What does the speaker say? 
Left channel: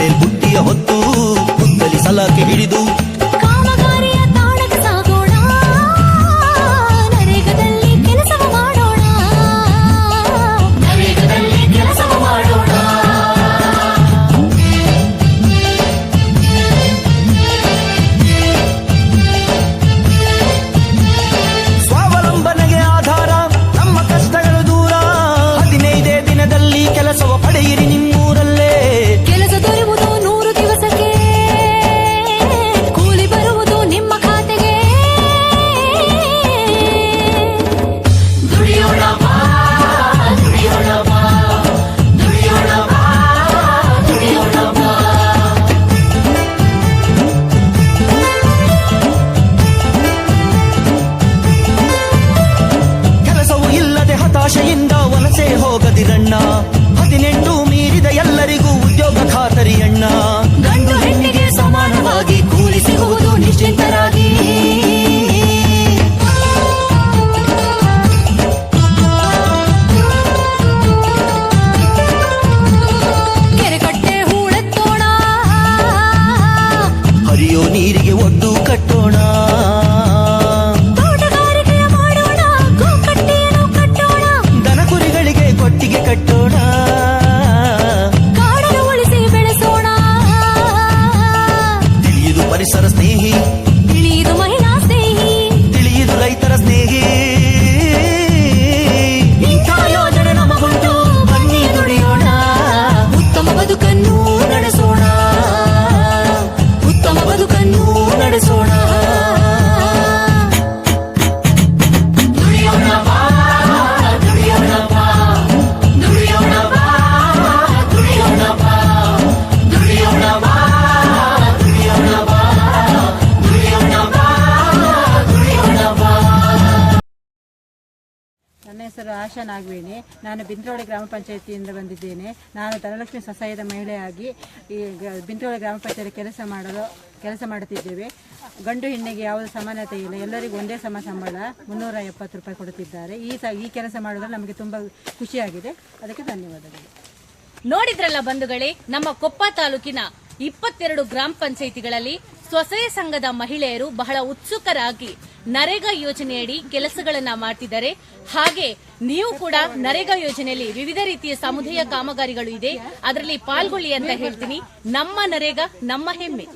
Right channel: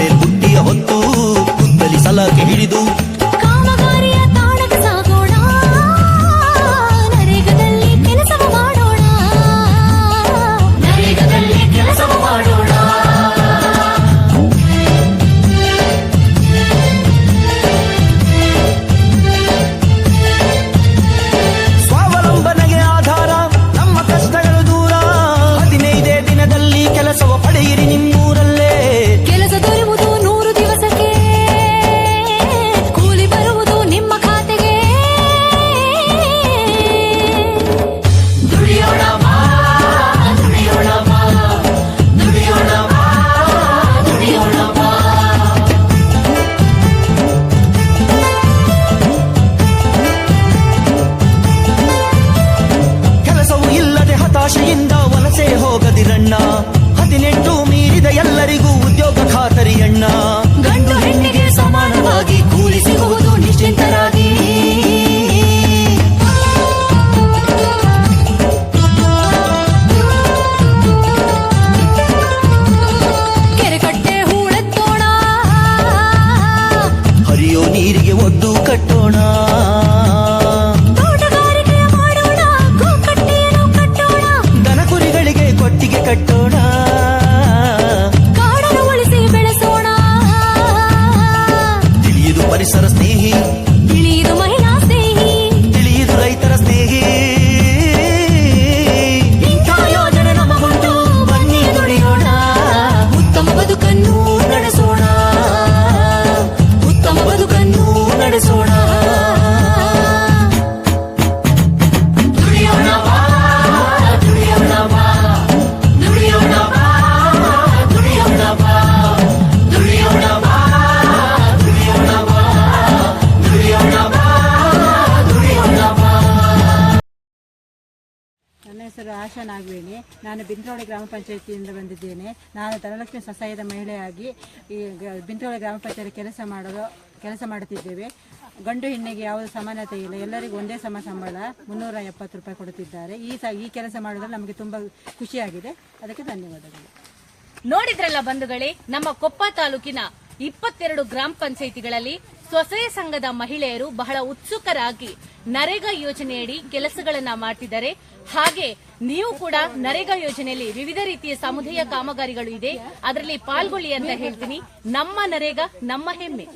ಮೇಲ್ ಬುಟ್ಟಿಯ ಹೊತ್ತು ಕುತ್ತಲಿ ಸಲಾಕೆ ಹಿಡಿದು ಕಾಮಗಾರಿಯ ತಾಣಕ್ಕೆ ಸಾಗೋಣ, ನರೇಗದಲ್ಲಿ ಕೆಲಸವ ಮಾಡೋಣ, ನರೇಗದಲ್ಲಿ ಕೆಲಸವ ಮಾಡೋಣ. ಸ್ವಾವಲಂಬನೆಗೆ ಆಧಾರ ನಮ್ಮ ಕಷ್ಟಗಳು ದೂರ. 15 ದಿನದಲ್ಲಿ ಕೆಲಸವ ಪಡೆಯಿರಿ ನಿಮ್ಮೂರಲ್ಲೇ. ಕೆಲಸ ದೊರೆಯುವುದು 100 ದಿವಸಕ್ಕೆ, ಕೂಲಿ ಬರುವುದು ನಿಮ್ಮ ಖಾತೆಗೆ. ದುಡಿಯೋಣ ಬಾ, ದುಡಿಯೋಣ ಬಾ, ದುಡಿಯೋಣ ಬಾ, ದುಡಿಯೋಣ ಬಾ. ಕೆಲಸವು ಇಲ್ಲದೆ ಹತಾಶೆಯಿಂದ ವಲಸೆ ಹೋಗದಿರಣ್ಣ. 18 ಮೀರಿದ ಎಲ್ಲರಿಗೂ ಉದ್ಯೋಗ ಖಾತರಿಯಣ್ಣ. ಗಂಡು ಹೆಣ್ಣಿಗೆ ಸಮಾನವಾಗಿ ಕೂಲಿ ಸಿಗುವುದು ನಿಶ್ಚಿಂತರಾಗಿ. ಕೆರೆಕಟ್ಟೆ ಹೂಳೆತ್ತೋಣ, ಹರಿಯೋ ನೀರಿಗೆ ಒಡ್ಡು ಕಟ್ಟೋಣ. ತೋಟಗಾರಿಕೆಯ ಮಾಡೋಣ, ಗೋಕಟ್ಟೆಯನ್ನು ಕಟ್ಟೋಣ, ದನ ಕುರಿಗಳಿಗೆ ಕೊಟ್ಟಿಗೆ ಕಟ್ಟೋಣ. ಕಾಡನ್ನು ಉಳಿಸಿ ಬೆಳೆಸೋಣ. ತಿಳಿಯುದು ಪರಿಸರ ಸ್ನೇಹಿ, ತಿಳಿಯುದು ಮಹಿಳಾ ಸ್ನೇಹಿ, ತಿಳಿಯುದು ರೈತರ ಸ್ನೇಹಿ. ಇಂಥ ಯೋಜನೆ ನಮಗುಂಟು, ಬನ್ನಿ ದುಡಿಯೋಣ. ಉತ್ತಮ ಬದುಕನ್ನು ನಡೆಸೋಣ, ಉತ್ತಮ ಬದುಕನ್ನು ನಡೆಸೋಣ. ದುಡಿಯೋಣ ಬಾ, ದುಡಿಯೋಣ ಬಾ, ದುಡಿಯೋಣ ಬಾ, ದುಡಿಯೋಣ ಬಾ, ದುಡಿಯೋಣ ಬಾ, ದುಡಿಯೋಣ ಬಾ, ದುಡಿಯೋಣ ಬಾ, ದುಡಿಯೋಣ ಬಾ. ನನ್ನ ಹೆಸರು ಆಶಾ ನಾಗವೇಣಿ. ನಾನು ಬಿಂತ್ರೋಳಿ ಗ್ರಾಮ ಪಂಚಾಯತಿಯಿಂದ ಬಂದಿದ್ದೇನೆ. ನಾನು ಧನಲಕ್ಷ್ಮಿ ಸ್ವಸಹಾಯದ ಮಹಿಳೆಯಾಗಿ ಈ ಬಿಂತ್ರೋಳಿ ಗ್ರಾಮ ಪಂಚಾಯತಿ ಕೆಲಸ ಮಾಡುತ್ತಿದ್ದೇವೆ. ಗಂಡು ಹೆಣ್ಣಿಗೆ ಯಾವುದೇ ಸಮಾನತೆ ಇಲ್ಲ, ಎಲ್ಲರಿಗೂ ಒಂದೇ ಸಮ ಸಂಬಳ 370 ರೂಪಾಯಿ ಕೊಡುತ್ತಿದ್ದಾರೆ. ಈ ಕೆಲಸ ಮಾಡೋದ್ರಲ್ಲಿ ನಮಗೆ ತುಂಬ ಖುಷಿಯಾಗಿದೆ, ಅದಕ್ಕೆ ಧನ್ಯವಾದಗಳು. ನೋಡಿದ್ರಲ್ಲ ಬಂಧುಗಳೇ, ನಮ್ಮ ಕೊಪ್ಪ ತಾಲೂಕಿನ 22 ಗ್ರಾಮ ಪಂಚಾಯಿತಿಗಳಲ್ಲಿ ಸ್ವಸಹಾಯ ಸಂಘದ ಮಹಿಳೆಯರು ಬಹಳ ಉತ್ಸುಕರಾಗಿ ನರೇಗಾ ಯೋಜನೆಯಡಿ ಕೆಲಸಗಳನ್ನ ಮಾಡ್ತಿದ್ದಾರೆ. ಹಾಗೆ ನೀವು ಕೂಡ ನರೇಗಾ ಯೋಜನೆಯಲ್ಲಿ ವಿವಿಧ ರೀತಿಯ ಸಮುದಾಯ ಕಾಮಗಾರಿಗಳು ಇದೆ, ಅದರಲ್ಲಿ ಪಾಲ್ಗೊಳ್ಳಿ ಅಂತ ಹೇಳ್ತೀನಿ. ನಮ್ಮ ನರೇಗಾ ನಮ್ಮ ಹೆಮ್ಮೆ.